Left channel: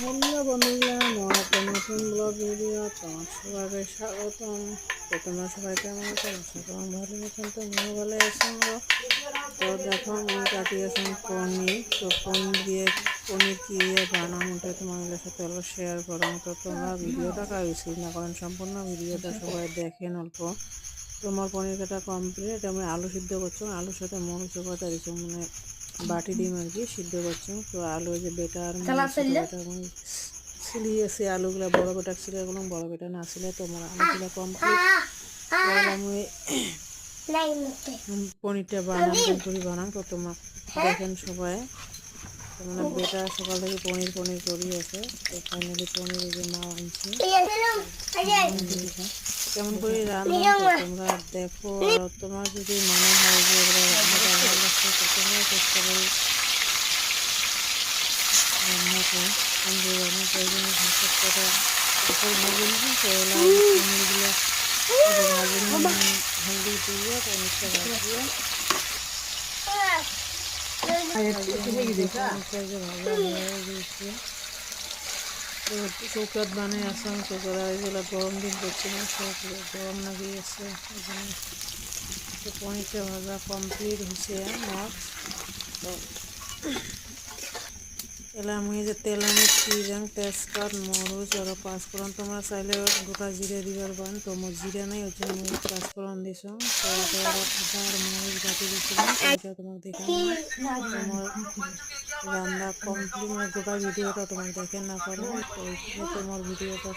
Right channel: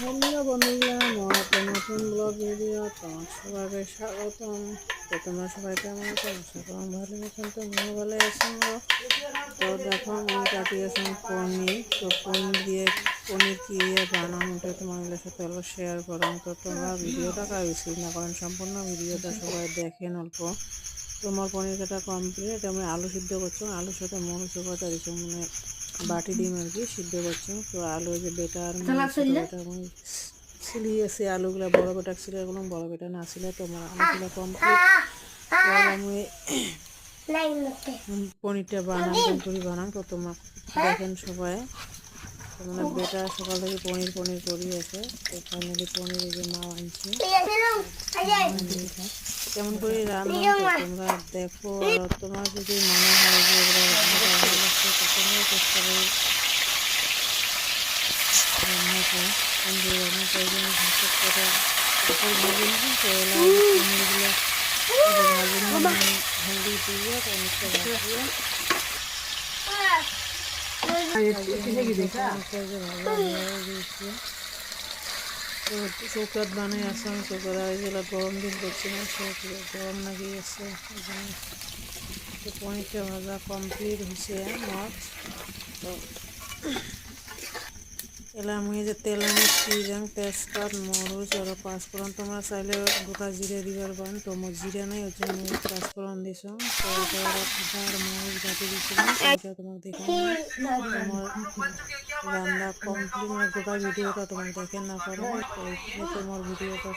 বন্ধুরা বন্ধুরা আমার একটা নতুন ব্লগ ভিডিও তোমার সবাইকে স্বাগতম। তো তোমরা সবাই কেমন আছো? আশা করি ভালো আছেন। তো আমিও ভালো আছি। তো দেখো আমি কাটিয়েছি পনির। তো পনির দিয়ে পনির কি দিয়ে বানাম ওটা তোমাদের সাথে অল্প শেয়ার করলাম। তো তোমরা ভিডিওটা স্কিপ না করেন, সম্পূর্ণ ভিডিওটা সবাই দেখেন অল্প। তোমার পনির কাটা কমপ্লিট। আমি আলু সিদ্ধ করছি, আলুর সাথে মরিচ কথা দিচ্ছি, মানে বাটি ডিম আর কি সিদ্ধ করছি। তো আলু যে বেটার ছোটো বেটা ছিলিয়েছে আলুগুলো, বড় বেটা ছিল, এগুলো বড় বেটা না ছিল। তোমার আলুগুলো কমপ্লিট আমি পনিরটা বানান করে বানান। তো তোমার দেখেন সবাই, তো মানে বেটা সকাল থেকে পনির পনির করিয়েছে। তো ফাইনালি পনির এই যে মা আনছে কেমন করে রান্না। তো তোমরা দেখো, আর তোমার যদি মনে হয় যে এগুলো রান্নাটা ভালো লাগছে তো তোমরা চেষ্টা করে রান্না করো। যে রান্না প্রয়োজনে ভাত কটা উপর ভাজে নিন। তো এলা পনিরগুলো ভাজে নিন, হলদি দিয়ে পনিরটা ভাজিয়ে পনিরটা যে ভাজা হয়ে গিয়েছে। তো চৌকাত বানাই আসলাম, চৌকাত আর এগুলো গরম দিন করছি না, সব গরম লাগিয়েছে এই জন্য। তো পনিরটা ভাজা কমপ্লিট হয়েছে মাছ। তো এলা আমি যে তেল আমি চিরাং তেজপাত মরিচ আর পাঁচফোড়ন, তোমরা চাইলে গোটা জিরে দিবার পারেন। তো মোর জিরে নাই, ওই জন্য আমি পাঁচফোড়ন দিছো। তো এটা আদা আর মরিচ বাটি দিয়েছিলাম, তো এটা তোমাকে দেখাই তোমার রান্না কমপ্লিট, মানে গোটা ভিডিওটা তোমাকে দেখে না পারো। তো এইখানে তোমার ভিডিওটা